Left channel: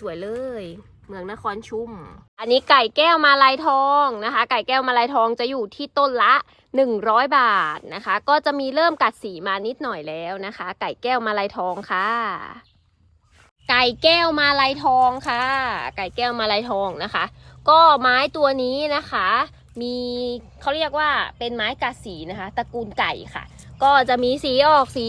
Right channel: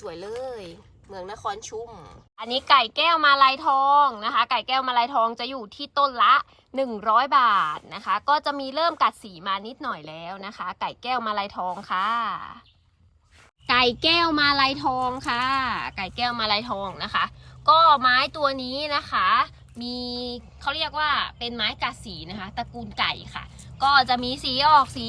สวยๆเลย เมืองนครชุ่มอันนี้ไก่แก้วมาลายทองนะคะ ไก่แก้วมาลายทองจะอยู่ที่ต้นละ 100 บาทนะคะ ก็จะมีเริ่มกัดสีมานิดหน่อยแล้วนะคะ ไก่แก้วมาลายทองค่ะ ไก่แก้วมาลายทองค่ะ ไก่แก้วมาลายทองนะคะ ก็ไม้ตัวนี้นะคะ มีเขาเรียกว่าเป็นไม้กัดสีนะคะ ตระกูลไก่ค่ะ ก็จะมีสีออกสี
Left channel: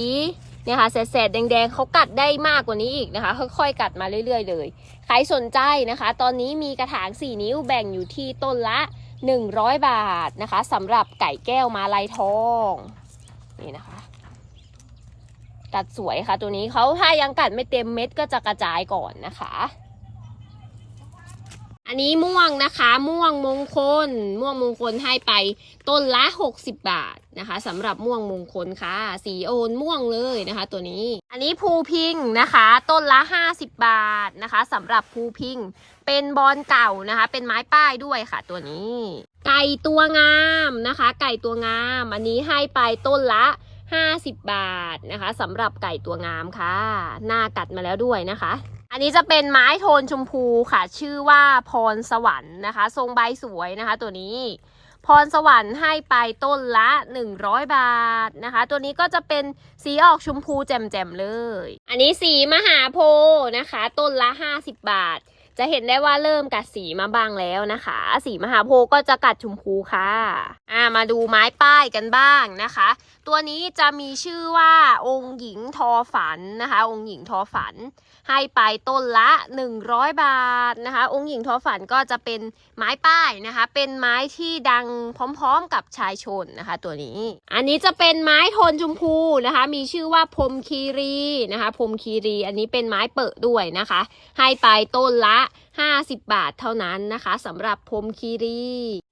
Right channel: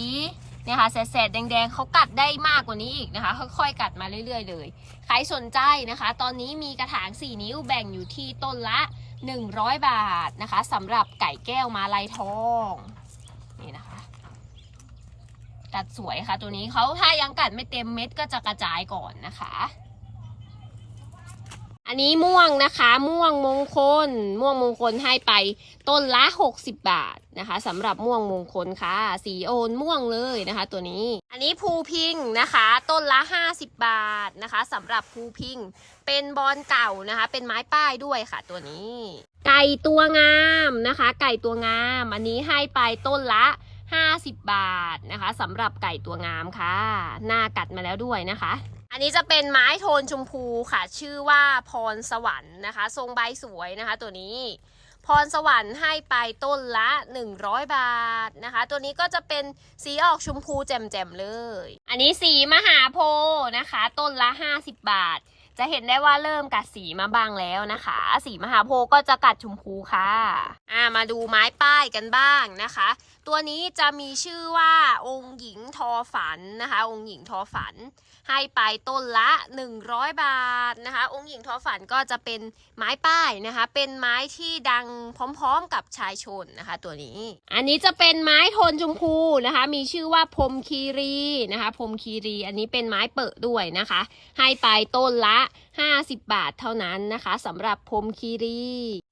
นี่ยค่ะแสดแดงๆเขากัดได้มากกว่านี้อีกนะคะ ค่อยๆกัดมาเรื่อย ๆ เลย ใครสนใจนะคะ ตอนนี้มีกระถาง 4 นิ้วแบ่งอยู่ที่ต้นละ 100 บาทนะคะสำหรับไก่แก้วมาลายทองนี่นะคะ กัดสวยค่ะตัวนี้เขาถ้ายังกัดไม่เต็มเม็ดก็จะกระจายก่อนนะคะ อันนี้ม่วงนะคะ ม่วงมงคล ม่วงมงคลให้ไปต้นละ 60 บาทนะคะสำหรับม่วงมงคลค่ะ สีโอนม่วงเลยนะคะ ตัวนี้ อันนี้ภูพิงนะคะ ต้นละ 50 บาทนะคะสำหรับภูพิง เป็นบอลเก่านะคะ เป็นไม้ป้ายด้วยค่ะ ตัวนี้ ไก่ตัวงามนะคะ ไก่ตัวงาม อันนี้ให้ไปต้นละ50 บาทนะคะสำหรับไก่ตัวงามค่ะ หน้ากัดมาแล้วด้วยนะคะ อันนี้จะเป็นไม้โทนชมพูค่ะ ชื่อว่าพรสวรรค์นะคะ ทรงใบสวยนะคะ ตัวนี้ พรสวรรค์ให้ไปต้นละ 100 บาทนะคะ ตัวนี้ก็จะเป็นสีออกชมพูแจ่มๆเลย อันนี้สีมหาโพธิ์นะคะ ต้นละ 50 บาท จะเห็นได้ว่าเริ่มกัดสีมาบ้างแล้วนะคะ สีมหาโพธิ์ก็จะกัดชมพูค่ะอ่ามาดูไม้ป้ายกันบ้างนะคะ ตัวนี้จะมีชื่อว่าองค์หญิงทอฝันนะคะ องค์หญิงทอฝัน ให้ไปต้นละ 100 บาทนะคะ องค์หญิงทอฝันก็จะเป็นไม้ป้ายนะคะ เป็นไม้ที่ดังพร้อมๆกับชายชนนะคะ ตัวนี้ อันนี้จะเป็นไม้โทนชมพูนะคะ มีชื่อว่าพรมคีรีนะคะพรมคีรี อันนี้เป็นไม้เปิดด้วยนะคะ ให้ไปต้นละ 50 บาทเท่านั้นนะคะสำหรับพรมคีรี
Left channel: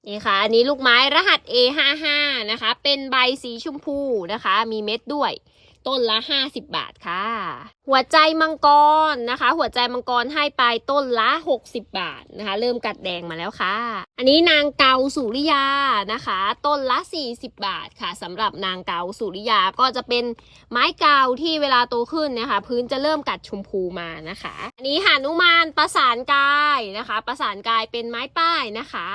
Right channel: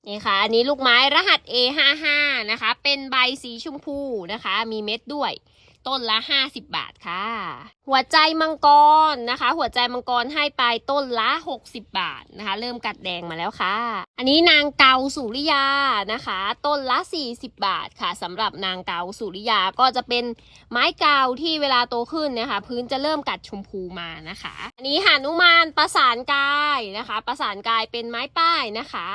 นี่ค่ะ อันนี้ลูกไม้รหัส A55 นะคะ เป็นใบสีชมพูนะคะ มีเม็ดด้วย ต้นละ 50 บาทค่ะ หัวใจมังกรนะคะ หัวใจมังกรให้ไปต้นละ 60 บาทนะคะ เริ่มกัดแดงมาแล้วค่ะ อันนี้นางเกาสุริยานะคะ ต้นละ 40 บาทค่ะสำหรับนางเกาสุริยาก็จะเป็นไม้เกาที่เวลาโตขึ้นนะคะ พื้นจะเริ่มกัดชมพูมานะคะ อันนี้หานุมานประสานกายนะคะ ประสานกายเป็นไม้ป้ายนะคะ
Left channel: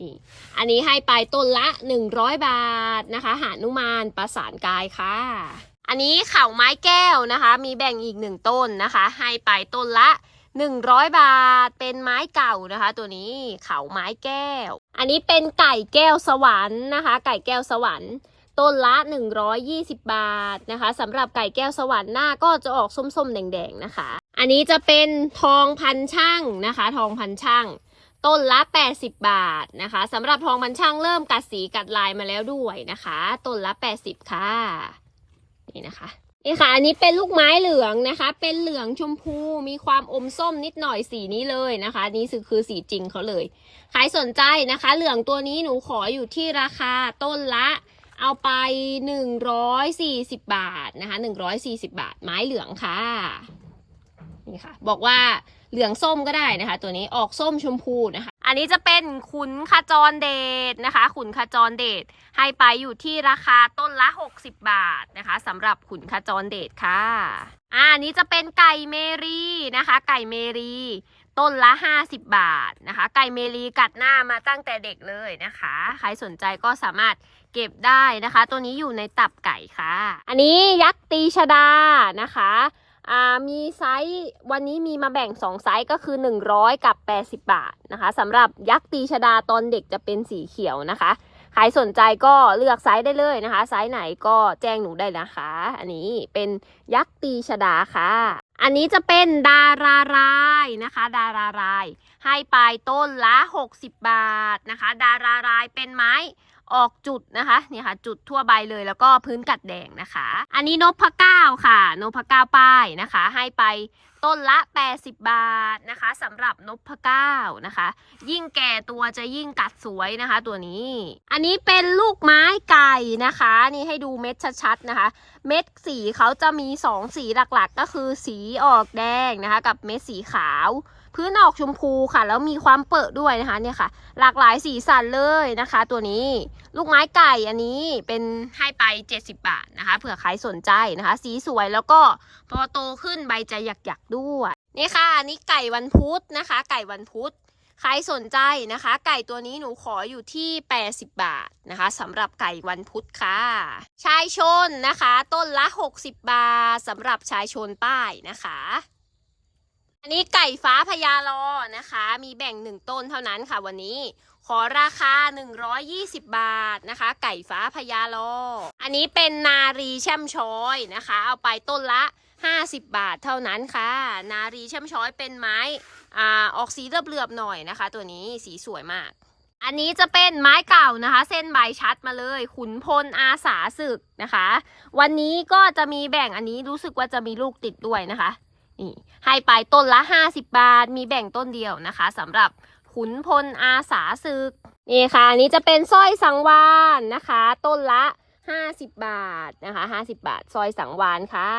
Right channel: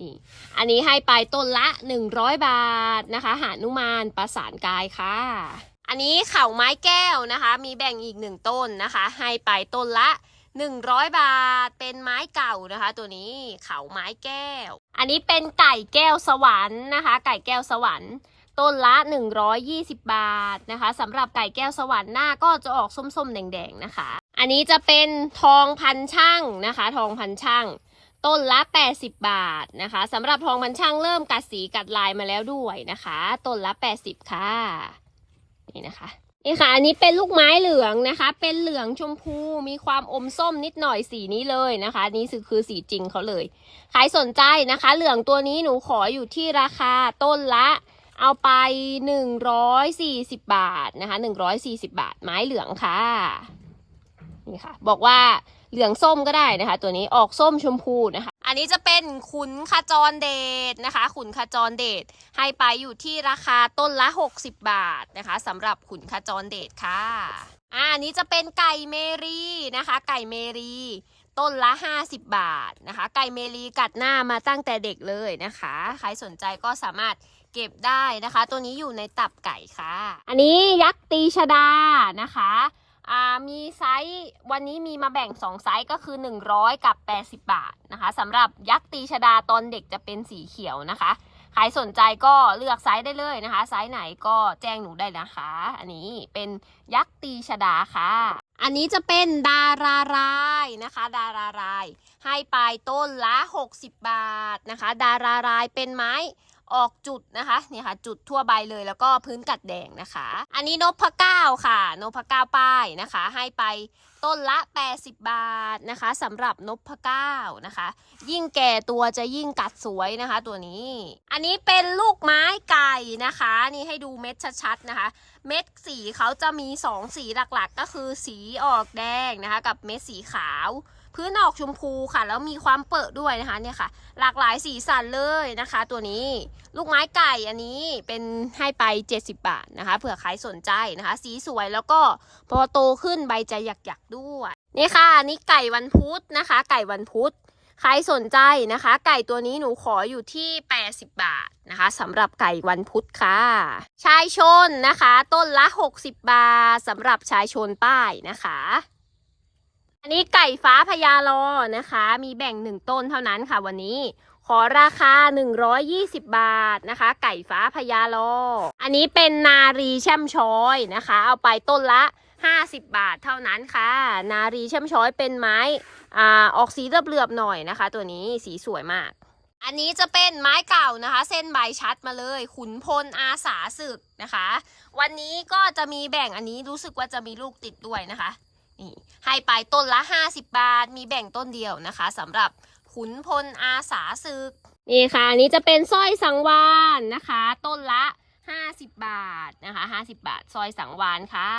นี่อันนี้ให้ไปต้นละ 100 บาทนะคะ หานุมานประสานกายค่ะ อันนี้เข่าไม้แก้วนะคะ มีแบ่งอีกหนึ่งต้นนะคะ ให้ไปต้นละ 100 บาท เป็นไม้เก่านะคะ ตัวนี้เข่าไม้แก้ว อันนี้เป็นไก่แก้วสวรรค์นะคะ ไก่แก้วสวรรค์ต้นละ 120 บาทนะคะสำหรับไก่แก้วสวรรค์หน้าก็จะออกส้มๆ แดงๆนะคะ อันนี้จะเป็นทองพันช่างนะคะ ทองพันช่างต้นละ 80 บาทนะคะสำหรับทองพันช่างเริ่มกัดสีกัดลายมาแล้วด้วยนะคะ ต้นละ 80 ค่ะ นี่นะคะนี่ค่ะอันนี้เป็นลูกไม้เหลืองนะคะ เป็นเหลืองชมพูมีความอมส้มนิดหน่อยสีนี้เลยนะคะนี่คือคือสีจริงเขาเลยใครสนใจนะคะ เหลืองตัวนี้หนูขออยู่ที่ราคาต้นละเอาไป 140 บาทนะคะ 140 บาท ไม้เหลืองค่ะ นี่ค่ะ บอกว่า เหลืองส้มก็ได้นะคะ ตัวนี้ออกส้มชมพูนะคะ อันนี้จะเป็นขุนขจรเดชนะคะ ขุนขจรเดชให้ไปอยู่ที่ราคาต้นละ 60 บาทนะคะสำหรับขุนขจรเดชค่ะอ่าอันนี้จะเป็นไก่เมรีนะคะ ไก่เมรีต้นละ 50 บาทนะคะ ไก่เมรีกัดหน้ามาตั้งแต่เด็กเลยนะคะ ใครสนใจก็สามารถเก็บได้นะคะ ตัวนี้อยู่ในตับไก่ค่ะ อันนี้ยักษ์ตีชดานะคะ มีไซส์วันนี้มีมาแบ่ง 2 ไซส์ก็คือ 100 กับ 80 บาทนะคะสำหรับยักษ์ตีชดาตอนเด็กจะเป็นสีเขียวนะคะใครสนใจก็เลือกไซส์ได้เลยนะคะ ไซส์ไหนก็แจ้งหนูได้นะคะ อันนี้เป็นยักษ์ตีชดาค่ะ อันนี้จะเป็นดารารายนะคะ ดาราราย ให้ไปต้นละ 60 บาทนะคะ ดารารายเป็นไม้ ออกจุดนะคะนี่ค่ะจุดทั่วใบเลยแล้วก็พื้นกัดแดงนะคะ อันนี้นพเก้าค่ะนพเก้าป้ายนะคะ ให้ไปต้นละ 80 บาทนะคะสำหรับนพเก้านะคะ ยิ่งแก่ตัวจะยิ่งกัดสวยนะคะ ตัวนี้ อันนี้เป็นลูกไม้ไก่นะคะ นี่ให้ดูเม็ดชัดๆนะคะ เม็ดสีเขาจะมี 2 สีหลักๆ ก็คือสีออกแดงนะคะ กับเม็ดสีขาว พื้นออกชมพูค่ะ แล้วมีความเปิดด้วยนะคะเนี่ยค่ะ หลากหลายสีสันเลยนะคะ ตัวนี้ลูกไม้ไก่อันนี้เป็นให้ไป 70 บาทนะคะเผื่อใครสนใจนะคะ สีสวยแล้วก็พอโตขึ้นใบจะหยักๆด้วยนี่ค่ะอันนี่ไก่วันพุธนะคะ ไก่วันพุธใครสนใจนะคะ ไก่ตัวนี้หนูขออยู่ที่ 80 บาทนะคะสำหรับไก่วันพุธค่ะ ชายชนนะคะ ต้นละ 60 บาทสำหรับชายชนป้ายนะคะ อันนี้ไก่ฟ้าพญาลอนะคะ มีแบ่งหนึ่งต้นเท่านั้นค่ะวันนี้ ขอราคา 120 บาทนะคะ ไก่ฟ้าพญาลอ อันนี้เป็นนารีแช่มช้อยนะคะ เอาไปต้นละ 50 บาทเท่านั้นค่ะ นารีแช่มช้อยเป็นไม้อ่าออกสีเหลือบๆหน่อยนะคะ ตัวนี้สีสวยมาก อันนี้จะเป็นไม้เก่านะคะ เส้นใบชัดมาเลย ขุนพลอาสาศึกนะคะ วันนี้ก็จะมีแบ่งอันนี้รู้สึกว่าจะมีลูกติดด้วยนะคะ นี่ให้ไปต้นละ 50 บาท มีแบ่งต้นเดียวนะคะสำหรับขุนพลอาสาศึก นี่ค่ะอันนี้จะเป็นสร้อยสังวานนะคะ ต้นละ 50 บาทนะคะ 50 บาทสร้อยสังวานค่ะ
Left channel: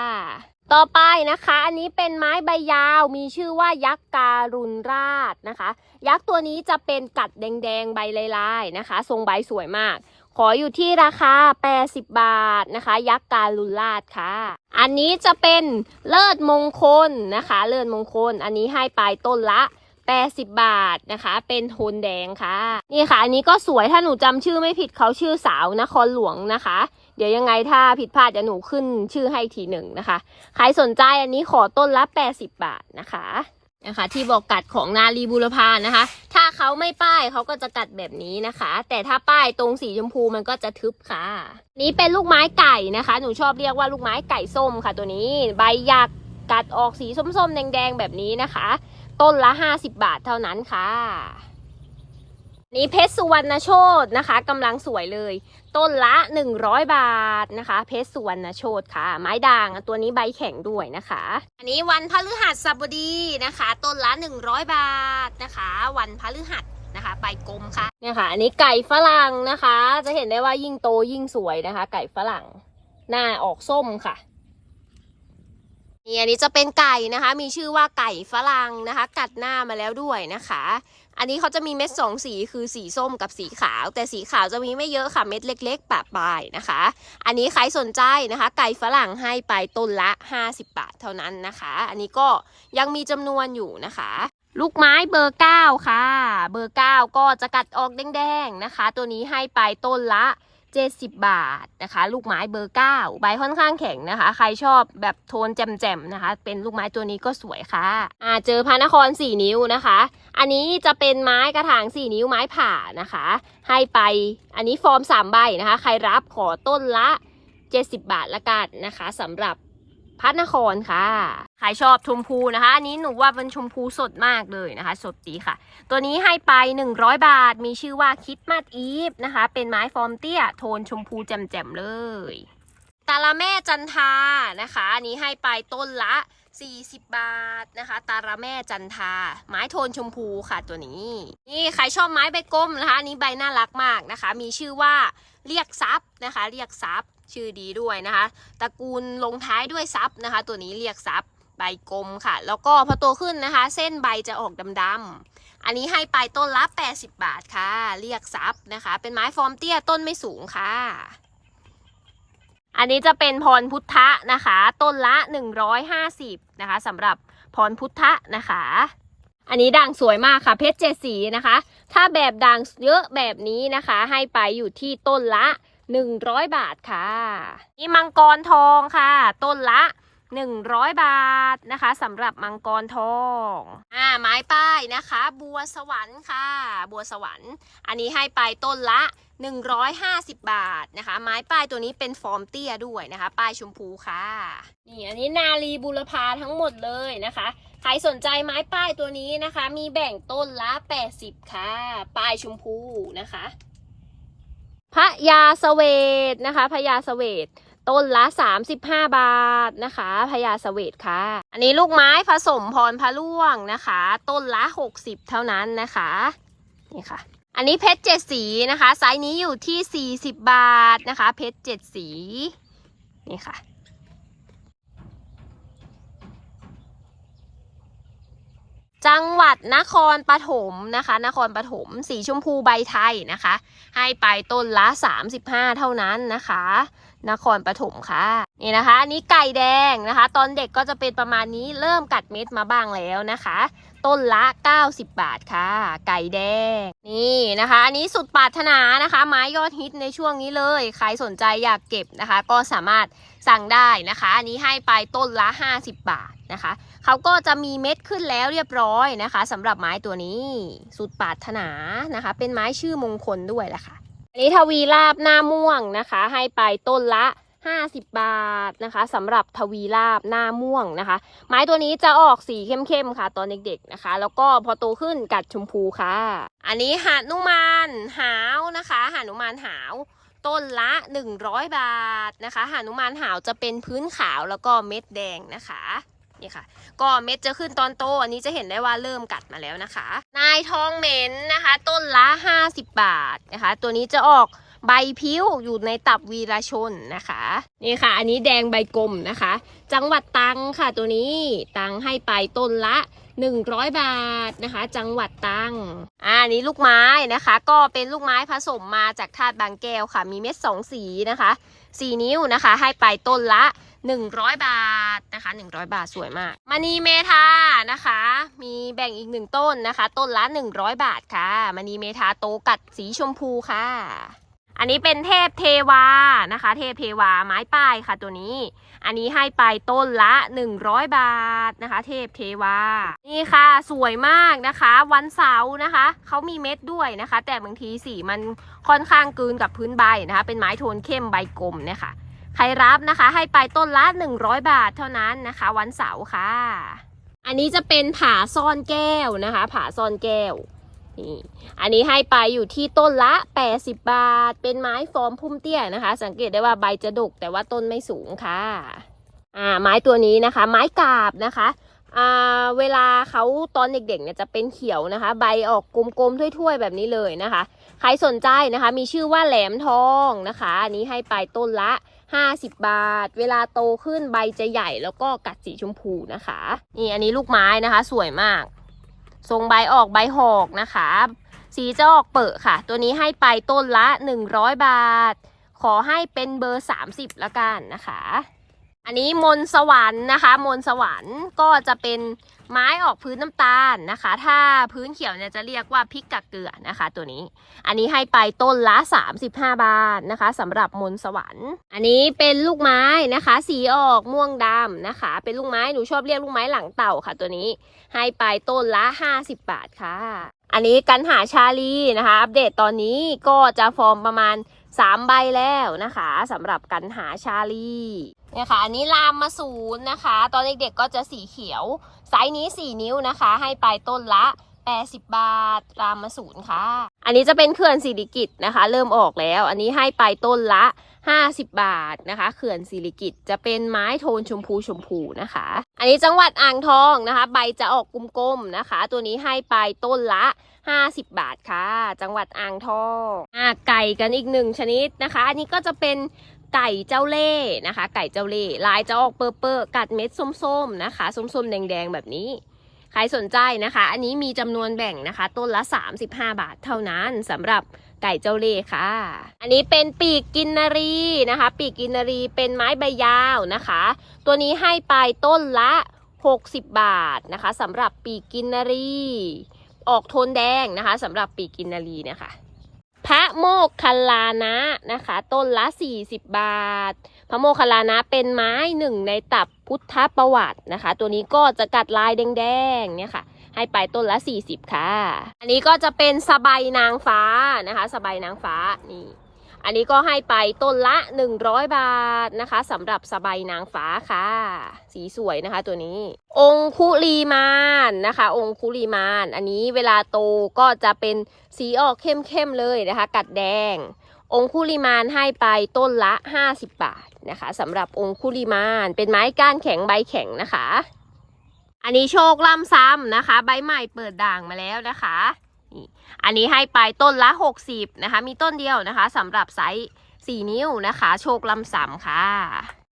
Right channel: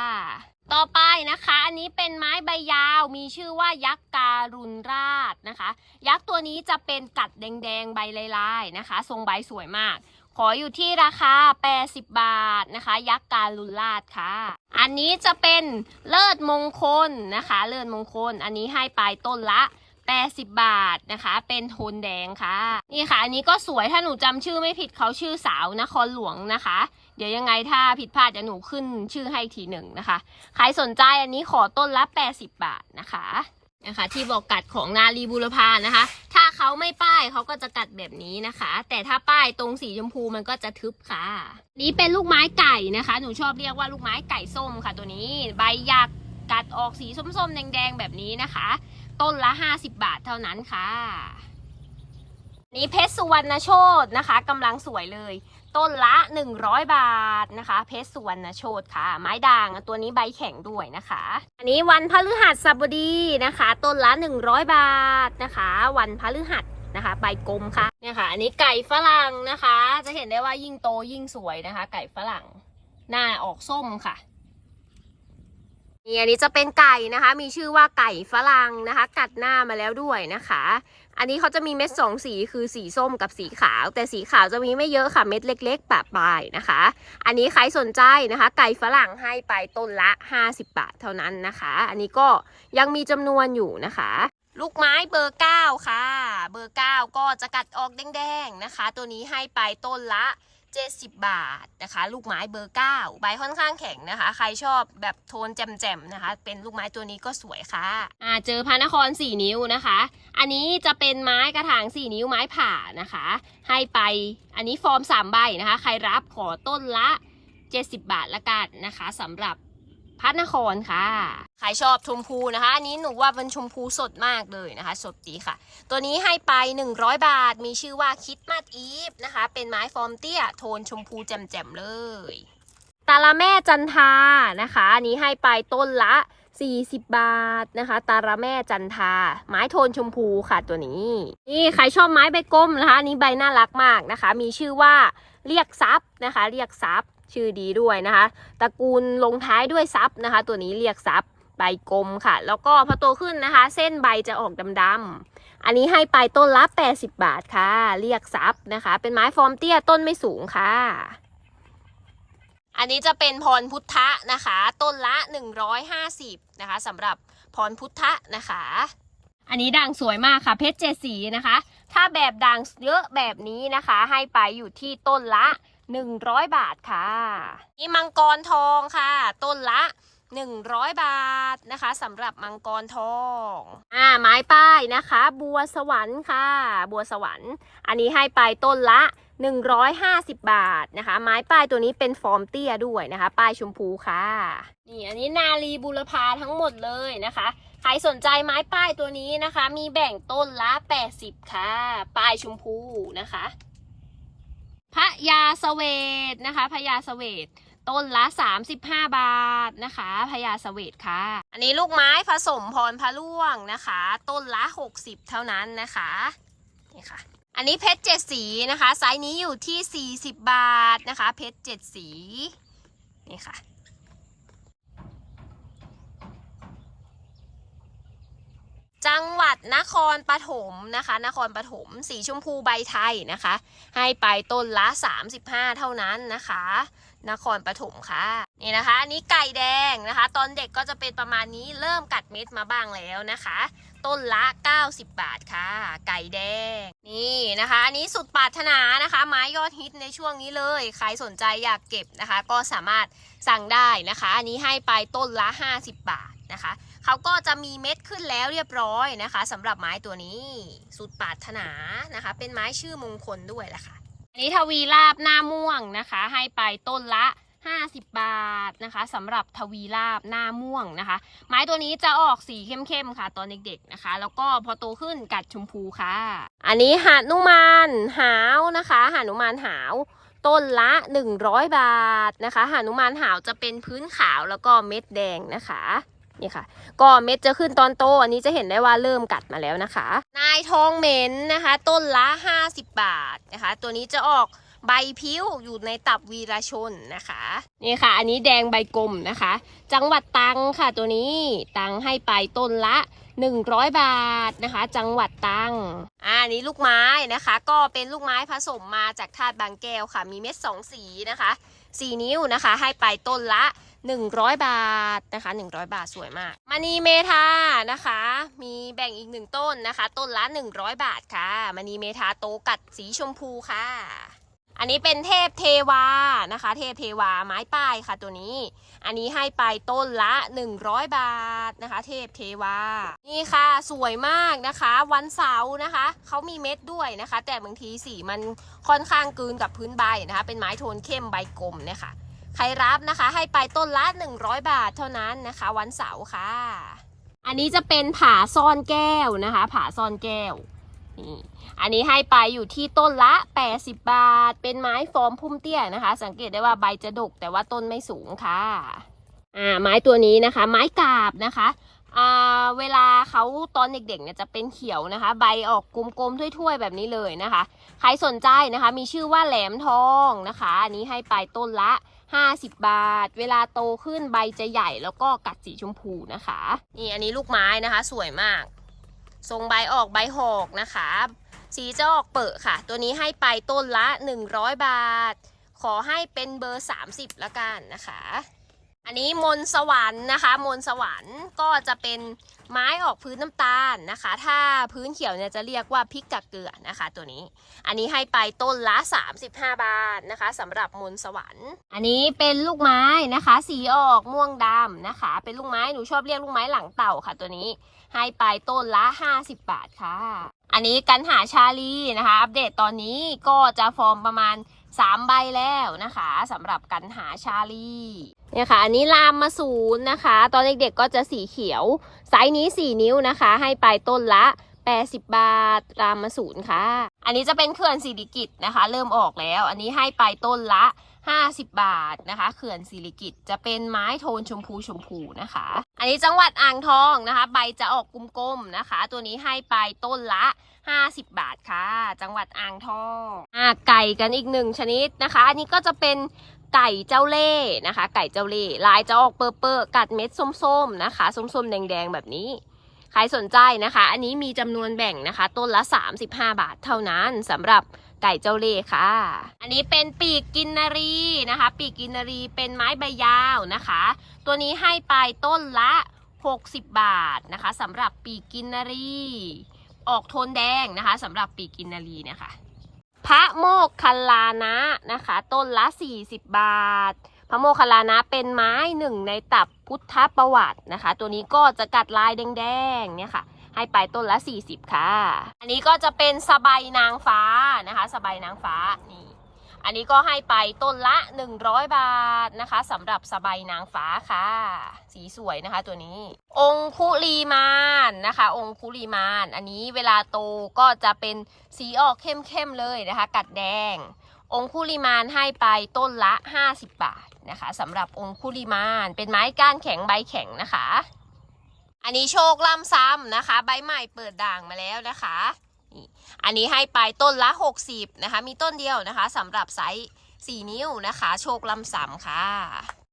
ต่อไปนะคะ อันนี้เป็นไม้ใบยาวมีชื่อว่ายักษ์การุณราชนะคะ ยักษ์ตัวนี้จะเป็นกัดแดงๆใบลายๆนะคะ ทรงใบสวยมาก ขออยู่ที่ราคา 80 บาทนะคะ ยักษ์การุณราชค่ะ อันนี้จะเป็นเลิศมงคลนะคะ เลิศมงคล อันนี้ให้ไปต้นละ 80 บาทนะคะ เป็นโทนแดงค่ะ นี่ค่ะ อันนี้ก็สวยถ้าหนูจำชื่อไม่ผิดเขาชื่อสาวนครหลวงนะคะ เดี๋ยวยังไงถ้าผิดพลาดจะหนูขึ้นชื่อให้ทีหนึ่งนะคะ ใครสนใจอันนี้ขอต้นละ 80 บาทนะคะ นะคะ ที่บอกกัดของนาลีบุรพานะคะ ถ้าเขาไม่ป้ายเขาก็จะกัดแบบนี้นะคะ แต่ถ้าป้ายตรงสีชมพูมันก็จะทึบค่ะ นี้เป็นลูกไม้ไก่นะคะ หนูชอบเรียกว่าลูกไม้ไก่ส้มค่ะ ตัวนี้ใบหยักกัดออกสีส้มๆแดงๆแบบนี้นะคะ ต้นละ 50 บาทเท่านั้นค่ะ นี่เพชรสุวรรณโชตนะคะกำลังสวยเลย ต้นละ 100 บาทนะคะ เพชรสุวรรณโชตค่ะ ไม้ด่างตัวนี้ใบแข็งด้วยนะคะ อันนี้วันพฤหัสบดีนะคะ ต้นละ 100 บาทนะคะ วันพฤหัสนะคะใบกลมค่ะเนี่ยค่ะ อันนี้ไก่ฝรั่งนะคะ จะเห็นได้ว่ายิ่งโตยิ่งสวยนะคะ ไก่ฝรั่ง หน้าออกส้มค่ะนี่อันนี้จะเป็นไก่นะคะ มีชื่อว่าไก่ฝรั่งนะคะ กัดหน้ามาแล้วด้วยนะคะ อันนี้เขาจะมีเม็ดสองสีคือสีส้มกับสีขาว แต่สีขาวจะมีไม่เยอะค่ะเม็ดเล็กๆปะปลายนะคะ อันนี้ใครสนใจนะคะ ไก่ฝรั่งให้ไปต้นละ 50 บาทเท่านั้นนะคะ อันนี้ก็ยังมีจำนวนอยู่นะคะลูกไม้เบอร์ 9 ค่ะ เบอร์ 9 ก็จะกัดออกแดงๆนะคะ ตัวนี้ให้ไปต้นละ 70 บาทนะคะ ลูกไม้เบอร์ 9 ใบค่อนข้างแข็งนะคะ ใครชอบแบบโทนแจ่มๆนะคะ เป็นลูกไม้ตัวนี้ก็สวยค่ะอ่าเจอพระนคร 4 นิ้วนะคะ อันนี้จะเป็นไม้กระถาง 4 นิ้วไม้ผ่านะคะ ให้ไปอันนี้ฟอร์ม 3 ใบนะคะ ใครรับขอต้นละ 70 บาทละกันนะคะสำหรับพระนครค่ะ ใครชอบชมพูนะคะ อันนี้หนูว่าเป็นชมพูสดมากเลยนะคะ สดดีค่ะ ตัวนี้ให้ไป 100 บาท มีชื่อว่าคิดมาดอีฟนะคะ เป็นไม้ฟอร์มเตี้ย โทนชมพูแจ่มๆเลยตาละแม่จันทานะคะ อันนี้ให้ไปต้นละ 40 บาทนะคะ ตาละแม่จันทา ไม้โทนชมพูค่ะตัวนี้ นี่ใครชอบไม้ใบกลมนะคะ อันนี้ใบน่ารักมากนะคะ มีชื่อว่าเรียกซับนะคะ เรียกซับชื่อดีด้วยนะคะ ตระกูลลงท้ายด้วยซับนะคะ ตัวนี้เรียกซับ ใบกลมค่ะ แล้วก็พอโตขึ้นนะคะ เส้นใบจะออกดำๆอันนี้ให้ไปต้นละ 80 บาทค่ะ เรียกซับนะคะ เป็นไม้ฟอร์มเตี้ยต้นไม่สูงค่ะ อันนี้จะเป็นพรพุทธะนะคะ ต้นละ 150นะคะสำหรับพรพุทธะนะคะ อันนี้ด่างสวยมากค่ะ เพชรเจสีนะคะ ถ้าแบบด่างเยอะแบบนี้นะคะ ให้ไปอยู่ที่ต้นละ 100 บาทค่ะ นี่มังกรทองค่ะ ต้นละ 100 บาทนะคะสำหรับมังกรทองอ่าไม้ป้ายนะคะ บัวสวรรค์ค่ะ บัวสวรรค์ อันนี้ให้ไปต้นละ 150 บาทนะคะ ไม้ป้ายตัวนี้เป็นฟอร์มเตี้ยด้วยนะคะ ป้ายชมพูค่ะนี่อันนี้นาลีบุรพาทั้งหมดเลยนะคะ ใครสนใจไม้ป้ายตัวนี้นะคะ มีแบ่งต้นละ 80 ค่ะ ป้ายชมพูนะคะพระยาเสวตนะคะพระยาเสวต ต้นละ 35 บาทนะคะพญาเสวตค่ะ อันนี้ลูกไม้ผสมพรพะล่วงนะคะ ต้นละ 60 เท่านั้นนะคะนี่ค่ะ อันนี้เพชรเจ็ดสีนะคะไซส์นี้อยู่ที่ 40 บาทนะคะ เพชรเจ็ดสีนี่ค่ะจังหวัดนครปฐมนะคะ นครปฐมสีชมพูใบไทยนะคะ ให้ไปต้นละ 35 เท่านั้นนะคะ นครปฐมค่ะนี่นะคะนนี้ไก่แดงนะคะ ตอนเด็กก็จะเป็นประมาณนี้เริ่มกัดเม็ดมาบ้างแล้วนะคะ ต้นละ 90 บาทค่ะ ไก่แดง นี่นะคะ อันนี้สุดปรารถนานะคะ ไม้ยอดฮิตในช่วงนี้เลย ใครสนใจอยากเก็บนะคะ ก็สามารถสั่งได้นะคะ อันนี้ให้ไปต้นละ 50 บาทนะคะเขาก็จะมีเม็ดขึ้นแล้วเรียบร้อยนะคะสำหรับไม้ตัวนี้ สุดปรารถนานะคะ เป็นไม้ชื่อมงคลด้วยแหละค่ะ อันนี้ทวีลาบหน้าม่วงนะคะ ให้ไปต้นละ 50 บาทนะคะสำหรับทวีลาบหน้าม่วงนะคะ ไม้ตัวนี้จะออกสีเข้มๆค่ะ ตอนเด็กๆนะคะ แล้วก็พอโตขึ้นกัดชมพูค่ะ อันนี้หานุมานหาวนะคะหานุมานหาวต้นละ 100 บาทนะคะหานุมานหาวจะเป็นพื้นขาวแล้วก็เม็ดแดงนะคะนี่ค่ะ ก็เม็ดจะขึ้นตอนโต อันนี้จะเห็นได้ว่าเริ่มกัดมาแล้วนะคะ นายทองเหม็นนะคะ ต้นละ 50 บาทนะคะ ตัวนี้จะออกใบพิ้วอยู่ในตับวีรชนนะคะนี่ค่ะ อันนี้แดงใบกลมนะคะ จังหวัดตังค่ะตัวนี้ตังให้ไปต้นละ100 บาทนะคะ จังหวัดตังอ่าอันนี้ลูกไม้นะคะ ก็เป็นลูกไม้ผสมมาจากธาตุบางแก้วค่ะ มีเม็ดสองสีนะคะ สีนิ้วนะคะ ให้ไปต้นละ 100 บาทนะคะ 100 บาทสวยมากมณีเมทานะคะ มีแบ่งอีกหนึ่งต้นนะคะ ต้นละ 100 บาทค่ะมณีเมทาโตกัดสีชมพูค่ะ อันนี้เป็นเทพเทวานะคะ เทพเทวาไม้ป้ายค่ะตัวนี้ อันนี้ให้ไปต้นละ 100 บาทนะคะ เทพเทวา นี่ค่ะสวยมากนะคะ วันเสาร์นะคะเขามีเม็ดด้วยนะคะ แต่บางทีสีมันค่อนข้างกลืนกับพื้นใบนะคะ เป็นไม้โทนเข้มใบกลมเนี่ยค่ะ ครรับนะคะ ให้ไปต้นละ 100 บาทเท่านั้นนะคะ วันเสาร์ค่ะ อันนี้จะเป็นผาซ่อนแก้วนะคะ ผาซ่อนแก้วนี่อันนี้ให้ไปอยู่ที่ต้นละ 80 บาท เป็นไม้ฟอร์มพุ่มเตี้ยนะคะ สังเกตได้ว่าใบจะดกแต่ว่าต้นไม่สูงค่ะอ่าไม้ตัวนี้นะคะ ไม้กาบนะคะอ่าเวลาเขาตอนเด็กๆเนี่ยจะเป็นเขียวนะคะ ใบออกกลมๆถ้วยๆแบบนี้เลยนะคะ ใครสนใจนะคะ มีชื่อว่าแหลมทองนะคะ อันนี้ให้ไปต้นละ 50 บาท เวลาโตขึ้นใบจะใหญ่แล้วก็กัดสีชมพูนะคะ นี่อันนี้ลูกไม้นะคะ สวยมาก ทรงใบออกใบหอกนะคะ สีจะออกเปิดค่ะ ตัวนี้ให้ไปต้นละ 100 บาท ขอให้เป็นเบอร์ 30ละกันนะคะ อันนี้มนต์สวรรค์นะคะ มนต์สวรรค์ก็จะเป็น ไม้ออกพื้นน้ำตาลนะคะ ถ้าพื้นเขียวเนี่ยจะเรียกว่าพริกกะเกลือนะคะ ตัวนี้ อันนี้ให้ไปต้นละ 35 บาทนะคะสำหรับมนสวรรค์ อันนี้เป็นลูกไม้นะคะ สีออกม่วงดำนะคะ เป็นลูกไม้หนูชอบเรียกลูกไม้หลังเต่าค่ะ ตัวนี้ให้ไปต้นละ 50 บาทค่ะ อันนี้กันหาชาลีนะคะ อัปเดตตอนนี้ก็จะฟอร์มประมาณ3ใบแล้วนะคะสำหรับกันหาชาลีเนี่ยค่ะ อันนี้ลามมาศูนย์นะคะ ตอนเด็กๆก็จะสีเขียว ไซส์นี้ 4 นิ้วนะคะ ให้ไปต้นละ 80 บาทรามมาศูนย์ค่ะ อันนี้จะเป็นเขื่อนสิริกิตนะคะ เริ่มออกแล้ว อันนี้ให้ไปต้นละ 50 บาทนะคะ เขื่อนสิริกิตจะเป็นไม้โทนชมพูชมพูนะคะ อันนี้จังหวัดอ่างทองนะคะ ใบจะออกกลมๆนะคะ ตัวนี้ให้ไปต้นละ50 บาทค่ะ จังหวัดอ่างทองอ่าไก่กันอีกหนึ่งชนิดนะคะ อันนี้ก็จะเป็น ไก่เจ้าเล่นะคะ ไก่เจ้าเล่ลายจะออกเปอร์เปอร์กัดเม็ดส้มๆนะคะส้มๆแดงๆแบบนี้ใครสนใจนะคะ อันนี้มีจำนวนแบ่งนะคะ ต้นละ 35 บาทเท่านั้นสำหรับไก่เจ้าเล่ค่ะ อันนี้เป็นปีกกินนารีนะคะ ปีกกินนารีเป็นไม้ใบยาวนะคะ ตัวนี้ให้ไปต้นละ 60 บาทนะคะสำหรับปีกกินนารี ออกโทนแดงนะคะสำหรับปีกกินนารีเนะคะ พระโมกคัลานะนะคะ ต้นละ 40 บาท พระโมคคัลลานะเป็นไม้หนึ่งในตับพุทธประวัตินะคะ ตัวนี้ก็จะกัดลายแดงๆเนี่ยค่ะ ให้ไปต้นละ 40 ค่ะ อันนี้ก็จะเป็นสบายนางฟ้านะคะ สบายนางฟ้านี่อันนี้ก็ให้ไปต้นละ 100 บาทนะคะสำหรับสบายนางฟ้าค่ะ สีสวยนะคะตัวนี้ องคุลีมานนะคะ องคุลีมาน อันนี้เวลาโตก็จะเป็น สีออกเข้มๆเลยนะคะ กัดแดง องคุลิมานให้ไปต้นละ 50 บาทนะคะสำหรับองคุลิมานเป็นไม้ก้านแข็งใบแข็งนะคะ อันนี้โชคล่ำซ้ำนะคะ ใบใหม่เปิดด่างมาแล้วนะคะอันนี้ให้ไปต้นละ 60นะคะ มีต้นเดียวนะคะสำหรับไซส์4นิ้วนะคะ โชคลำซ้ำค่ะ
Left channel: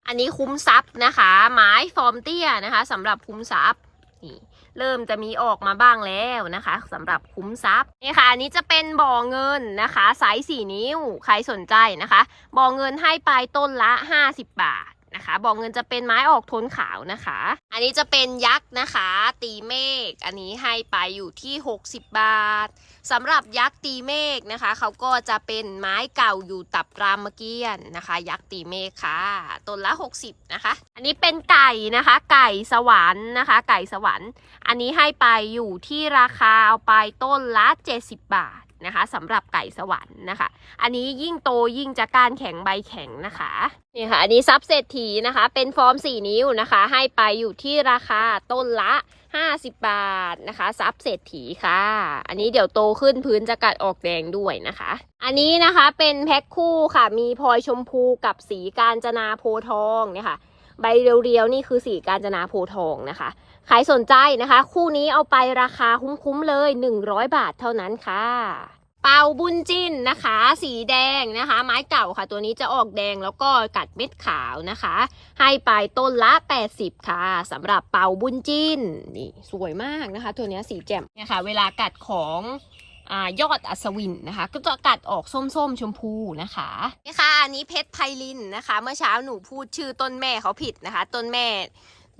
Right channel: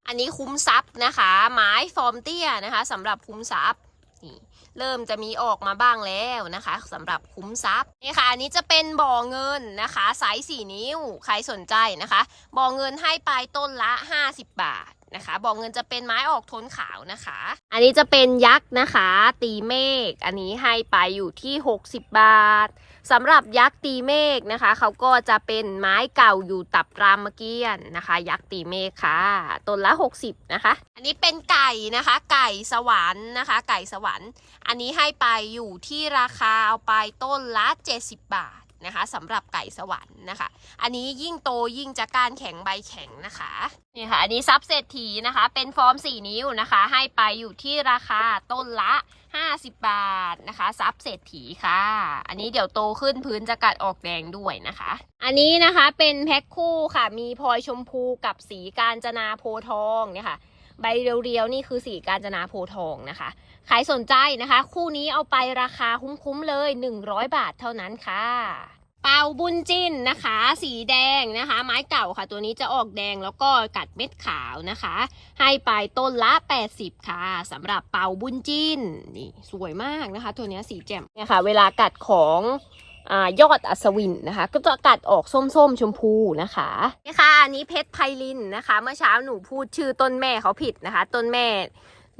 อันนี้คุ้มทรัพย์นะคะ ไม้ฟอร์มเตี้ยนะคะสำหรับคุ้มทรัพย์นี่ เริ่มจะมีออกมาบ้างแล้วนะคะสำหรับคุ้มทรัพย์นี่ค่ะอันนี้จะเป็นบ่อเงินนะคะไซส์4นิ้วใครสนใจนะคะบ่อเงินให้ไปต้นละ 50 บาทนะคะบ่อเงินจะเป็นไม้ออกโทนขาวนะคะ อันนี้จะเป็นยักษ์นะคะ ตีเมฆอันนี้ให้ไปอยู่ที่ 60 บาทสำหรับยักษ์ตีเมฆนะคะเขาก็จะเป็นไม้เก่าอยู่ตับรามเกียนนะคะ ยักษ์ตีเมฆค่ะต้นละ 60 นะคะ อันนี้เป็นไก่นะคะ ไก่สวรรค์นะคะ ไก่สวรรค์ อันนี้ให้ไปอยู่ที่ราคาเอาไปต้นละ 70 บาทนะคะสำหรับไก่สวรรค์นะคะ อันนี้ยิ่งโตยิ่งจะก้านแข็งใบแข็งนะคะนี่ค่ะอันนี้ซับเศรษฐีนะคะ เป็นฟอร์ม 4 นิ้วนะคะ ให้ไปอยู่ที่ราคาต้นละ 50 บาทนะคะซับเศรษฐีค่ะ อันนี้เดี๋ยวโตขึ้นพื้นจะกัดออกแดงด้วยนะคะ อันนี้นะคะเป็นแพ็คคู่ค่ะมีพลอยชมพูกับสีกาญจนาโพทองเนี่ยค่ะ ใบเรียวๆนี่คือสีกาญจนาโพทองนะคะ ใครสนใจนะคะ คู่นี้เอาไปราคาคุ้มๆเลย 100 บาทเท่านั้นค่ะเป่าบุญจินนะคะ สีแดงนะคะ ไม้เก่าค่ะ ตัวนี้จะออกแดงแล้วก็กัดเม็ดขาวนะคะ ให้ไปต้นละ 80 ค่ะสำหรับเป่าบุญจินนี่สวยมากนะคะ ตัวนี้สีแจ่มเนี่ยค่ะ เวลากัดของ อยอดอัศวินนะคะ ก็จะกัดออกส้มๆชมพูนะคะนี่ค่ะอันนี้เพชรไพลินนะคะ เมื่อเช้าหนูพูดชื่อต้นแม่เขาผิดนะคะ ต้นแม่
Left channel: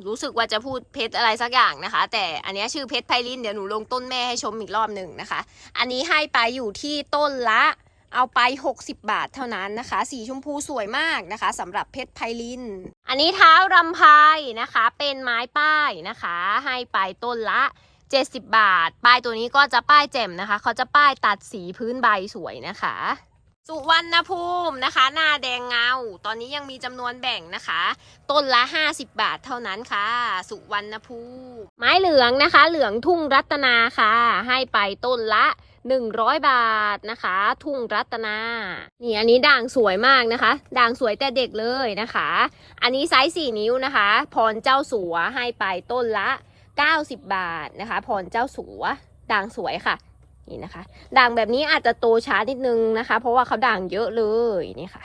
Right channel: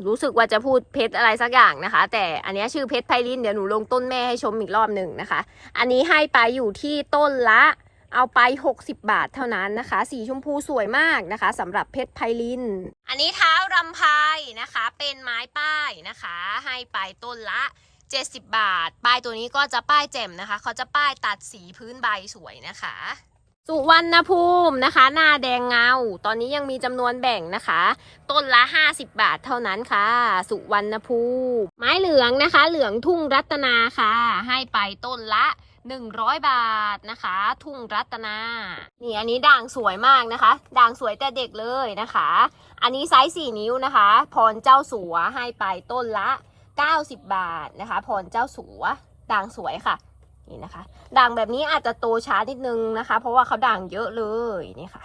รู้สึกว่าจะพูดเพชรอะไรสักอย่างนะคะ แต่อันนี้ชื่อเพชรไพลินเดี๋ยวหนูลงต้นแม่ให้ชมอีกรอบหนึ่งนะคะ อันนี้ให้ไปอยู่ที่ต้นละเอาไป 60 บาทเท่านั้นนะคะ สีชมพูสวยมากนะคะสำหรับเพชรไพลิน อันนี้เท้ารำไพนะคะ เป็นไม้ป้ายนะคะ ให้ไปต้นละ 70 บาท ป้ายตัวนี้ก็จะป้ายแจ่มนะคะ เขาจะป้ายตัดสีพื้นใบสวยนะคะ สุวรรณภูมินะคะ หน้าแดงเงา ตอนนี้ยังมีจำนวนแบ่งนะคะ ต้นละ 50 บาทเท่านั้นค่ะ สุวรรณภูมิ ไม้เหลืองนะคะ เหลืองทุ่งรัตนาค่ะ ให้ไปต้นละ100 บาทนะคะ ทุ่งรัตนานี่อันนี้ด่างสวยมากนะคะ ด่างสวยแต่เด็กเลยนะคะ อันนี้ไซส์4นิ้วนะคะ พรเจ้าสัวให้ไปต้นละ 90 บาทนะคะ พรเจ้าสัวด่างสวยค่ะ นี่นะคะ ด่างแบบนี้อาจจะโตช้านิดนึงนะคะ เพราะว่าเขาด่างเยอะเลยนี่ค่ะ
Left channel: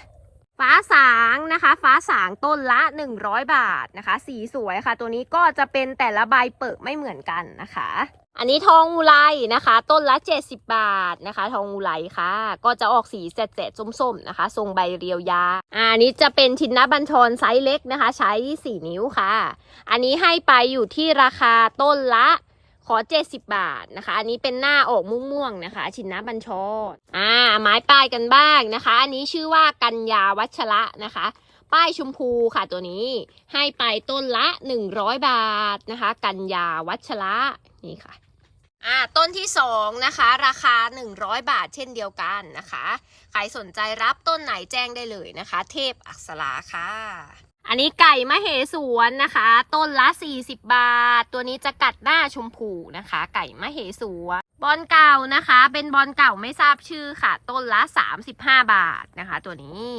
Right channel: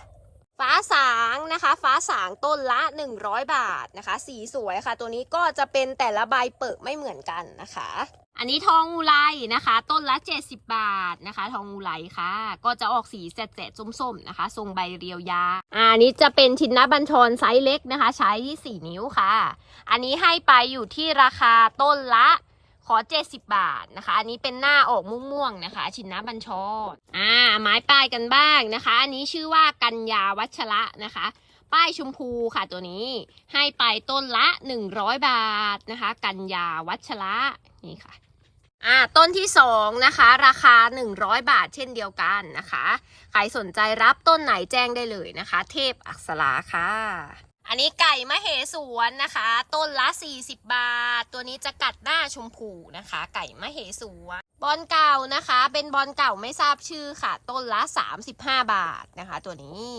ฟ้าสางนะคะ ฟ้าสางต้นละ 100 บาทนะคะ สีสวยค่ะ ตัวนี้ก็จะเป็นแต่ละใบเปิดไม่เหมือนกันนะคะ อันนี้ทองอุไรนะคะ ต้นละ 70 บาทนะคะ ทองอุไรค่ะ ก็จะออกสีแสดๆส้มๆนะคะ ทรงใบเรียวยาอันนี้จะเป็นชินนบัญชรไซส์เล็กนะคะ ใช้ 4 นิ้วค่ะ อันนี้ให้ไปอยู่ที่ราคาต้นละขอ 70 บาทนะคะ อันนี้เป็นหน้าออกม่วงๆนะคะ ชินนะบัญชรอ่า ไม้ป้ายกันบ้างนะคะ อันนี้ชื่อว่ากัญญาวัชระนะคะ ป้ายชมพูค่ะตัวนี้ ให้ไปต้นละ 100 บาทนะคะ กัญญาวัชระนี่ค่ะ อ่า ต้นที่สองนะคะ ราคา 100 บาทเช่นเดียวกันนะคะ ใครสนใจรับต้นไหนแจ้งได้เลยนะคะ เทพอักษราค่ะ อันนี้ไก่มะเหสวนนะคะ ต้นละ 40 บาท ตัวนี้จะกัดหน้าชมพูนะคะ ไก่มะเหสวนบอลเก่านะคะ เป็นบอลเก่าไม่ทราบชื่อค่ะ ต้นละ 35 บาทนะคะ ตัวนี้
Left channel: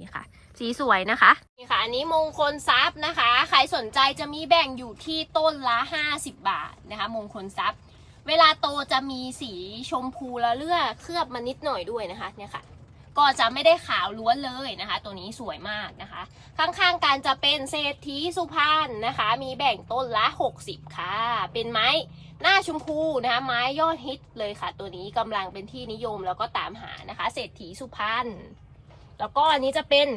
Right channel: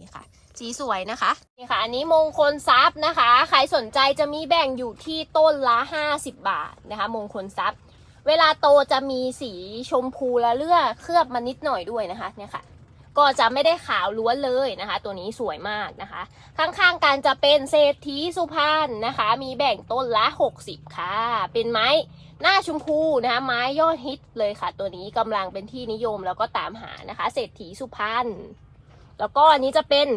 นี่ค่ะ สีสวยนะคะนี่ค่ะ อันนี้มงคลทรัพย์นะคะ ใครสนใจจะมีแบ่งอยู่ที่ต้นละ 50 บาทนะคะ มงคลทรัพย์ เวลาโตจะมีสีชมพูละเลือดเคลือบมานิดหน่อยด้วยนะคะเนี่ยค่ะ ก็จะไม่ได้ขาวล้วนเลยนะคะ ตัวนี้สวยมากนะคะ ข้างๆกันจะเป็นเศรษฐีสุพรรณนะคะ มีแบ่งต้นละ 60 ค่ะ เป็นไม้หน้าชมพูนะคะไม้ยอดฮิตเลยค่ะ ตัวนี้กำลังเป็นที่นิยมแล้วก็ตามหานะคะ เศรษฐีสุพรรณแล้วก็อันนี้จะเป็น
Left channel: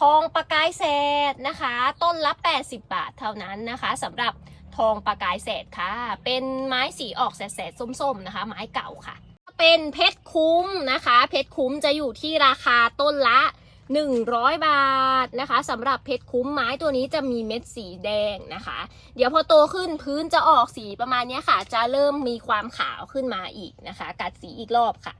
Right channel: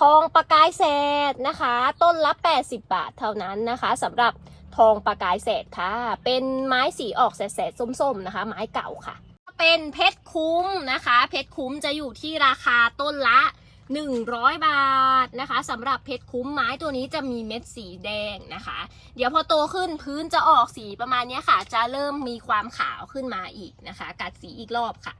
ทองประกายแสดนะคะ ต้นละ 80 บาทเท่านั้นนะคะสำหรับทองประกายแสดค่ะ เป็นไม้สีออกแสดๆส้มๆนะคะ ไม้เก่าค่ะ เป็นเพชรคุ้มนะคะ เพชรคุ้มจะอยู่ที่ราคาต้นละ 100 บาทนะคะสำหรับเพชรคุ้มไม้ตัวนี้จะมีเม็ดสีแดงนะคะ เดี๋ยวพอโตขึ้นพื้นจะออกสีประมาณนี้ค่ะ จะเริ่มมีความขาวขึ้นมาอีกนะคะ กัดสีอีกรอบค่ะ